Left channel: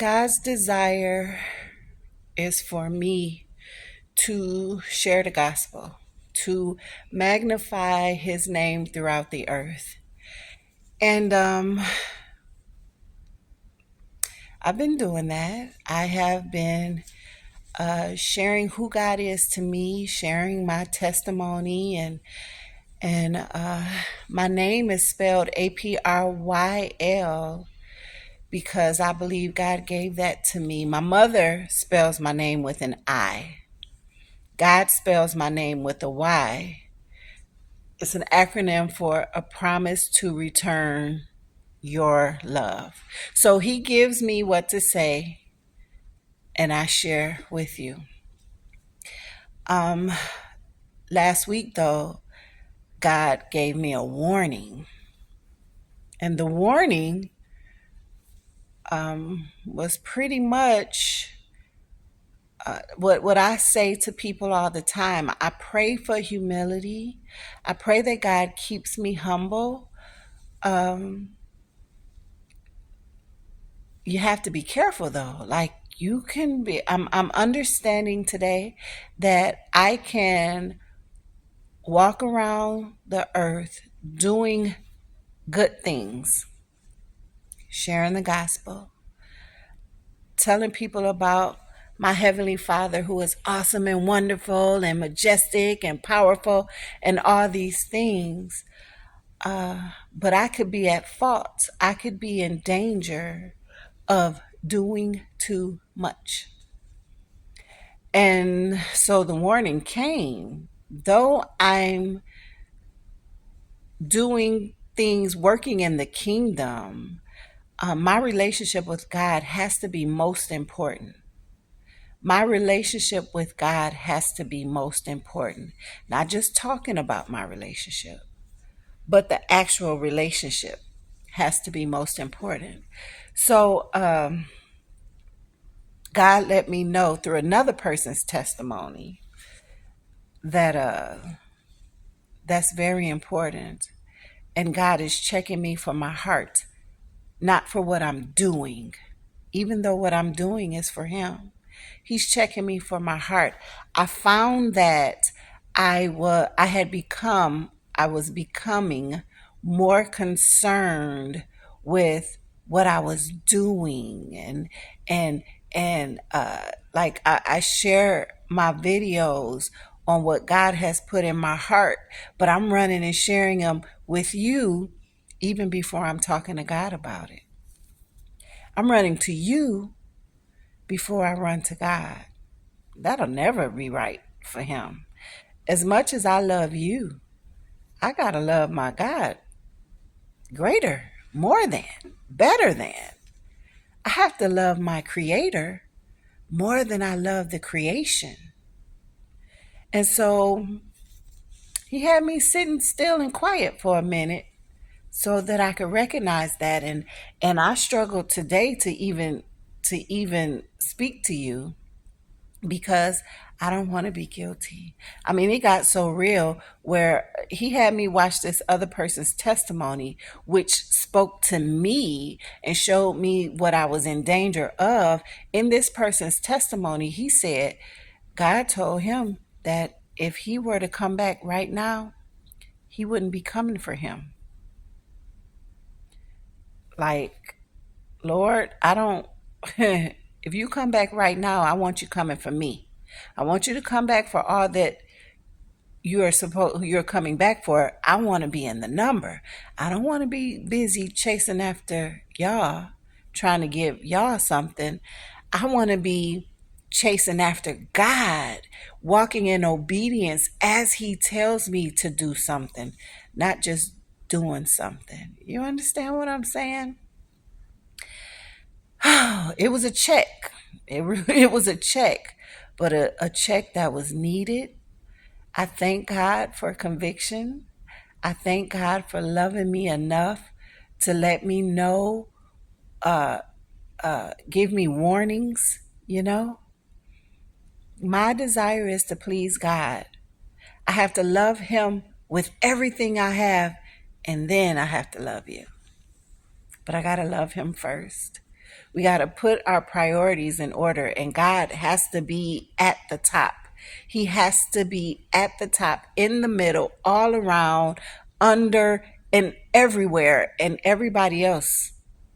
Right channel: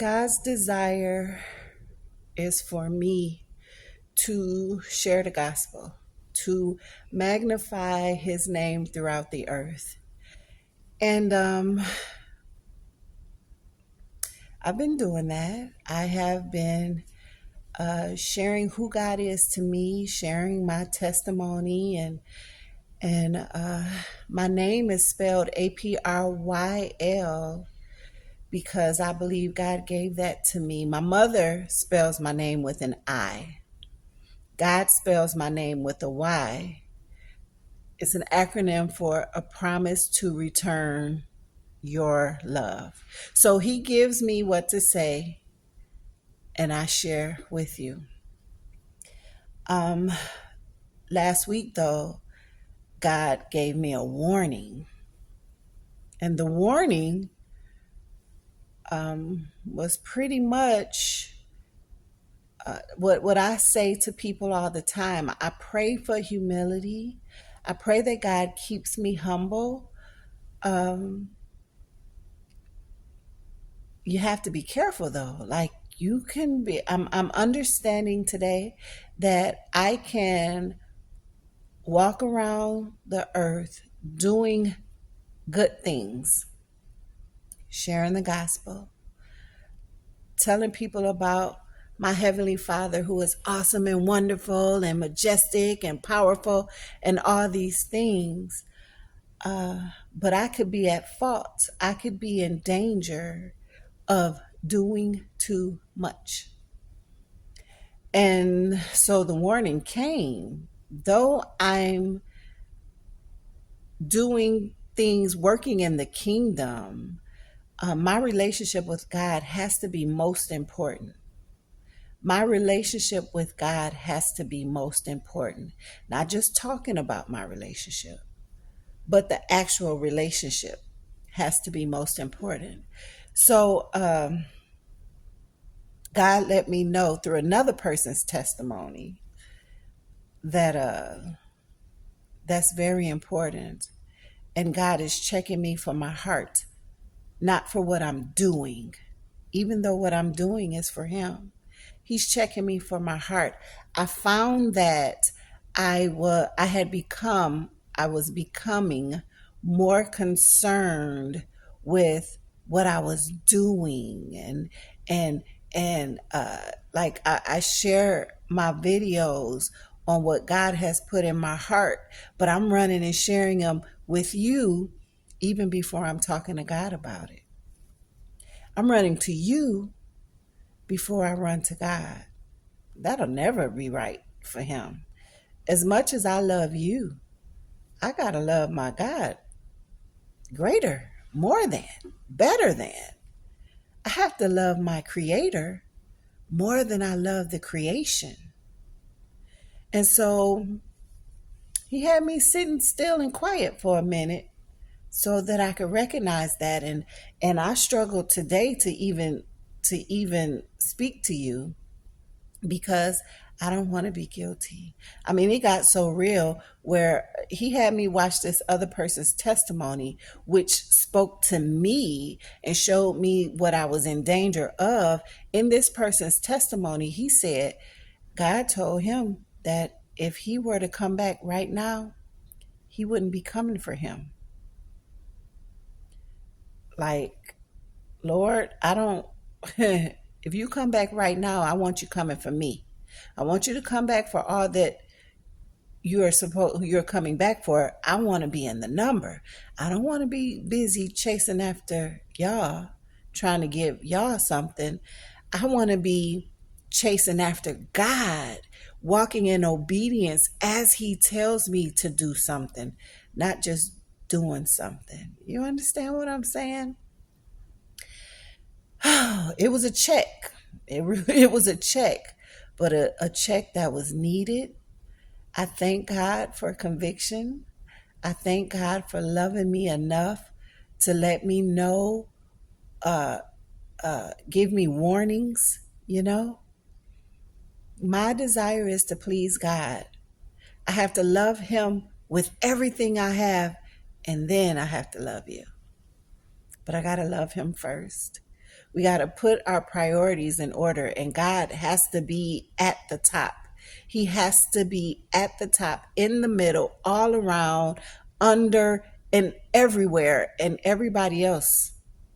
God's desire is for me to share the gospel, to magnify his name throughout the earth. And I've been doing that. I have been sharing who God is to me, sharing my testimony, and my name is spelled Apryl because I believe God gave that to me. My mother spells my name with an I. God spells my name with a Y. It's an acronym for a promise to return your love. So he gives me what to say and I share with you. Um Last week though, God gave me a warning. And the warning was pretty much what I say to people all the time. I pray for humility. I pray that God keeps me humble. Um, you have to be careful though. Like you can be. I'm understanding today that I can walk around the earth doing good things, sharing the gospel, telling people about my Heavenly Father who is awesome and wonderful and majestic and powerful and all these things. But I could be at fault. I could be in danger of doing too much. And so the warning came. Though I'm doing things working in the kingdom, my relationship with God has to be most important. My relationship with God has to be most important. Not just talking about my relationship, but the actual relationship has to be most important. So God let me know through another person's testimony that that's very important. And God is checking me for my heart, not for what I'm doing, even though what I'm doing is for him. He's checking me for my heart. I found that I was becoming more concerned with what I was doing and like I share my videos on what God has put in my heart, but I'm running and sharing them with you even before I'm talking to God about it. I'm running to you before I run to God. That'll never be right for him. As much as I love you, I gotta love my God greater, more than, better than. I have to love my creator more than I love the creation. And so he had me sitting still and quiet for a minute so that I could recognize that, and I struggled today to even speak to you because I don't want to be guilty. I mean, it got so real where he had me watch this other person's testimony, which spoke to me and showed me what I was in danger of. In this person's testimony, he said God told him that if he were to come back right now, he wouldn't be coming for him. Like, Lord, I don't, if you come back right now, I want you coming for me. I want you to come back for all that you're coming back for. I want to be in the number. I don't want to be busy chasing after y'all, trying to give y'all something. I want to be chasing after God, walking in obedience as he tells me to do something, not just doing something. You understand what I'm saying? It was a check. It was a check, but a check that was needed. I thank God for conviction. I thank God for loving me enough to let me know, give me warnings, you know. My desire is to please God. I have to love him with everything I have, and then I have to love you. But I got to love him first. We got to put our priorities in order, and God has to be at the top. He has to be at the top, in the middle, all around, under, and everywhere, and everybody else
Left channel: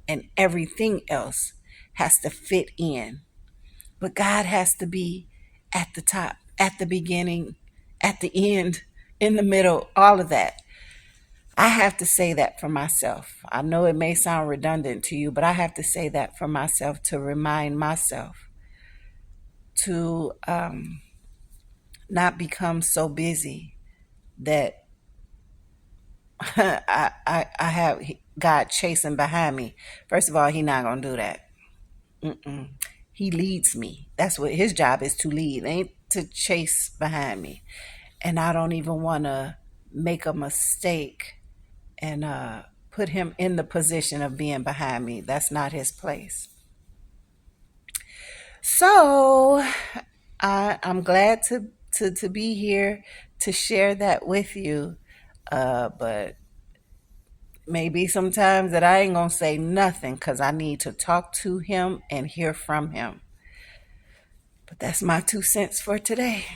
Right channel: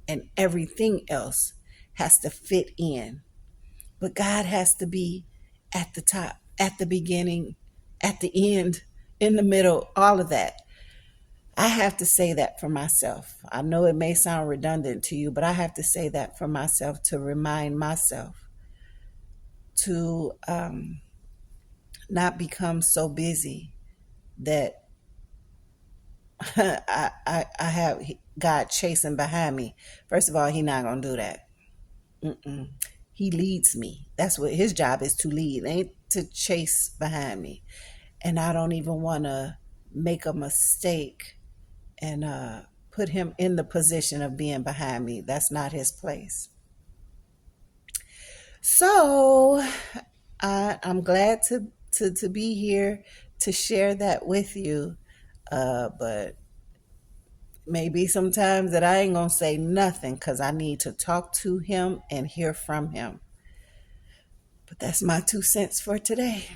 and everything else has to fit in. But God has to be at the top, at the beginning, at the end, in the middle, all of that. I have to say that for myself. I know it may sound redundant to you, but I have to say that for myself, to remind myself to not become so busy that I have God chasing behind me. First of all, He's not going to do that. He leads me. That's what His job is, to lead, ain't to chase behind me. And I don't even want to make a mistake and put Him in the position of being behind me. That's not His place. So I'm glad to be here to share that with you. But maybe sometimes that I ain't gonna say nothing because I need to talk to Him and hear from Him. But that's my 2 cents for today.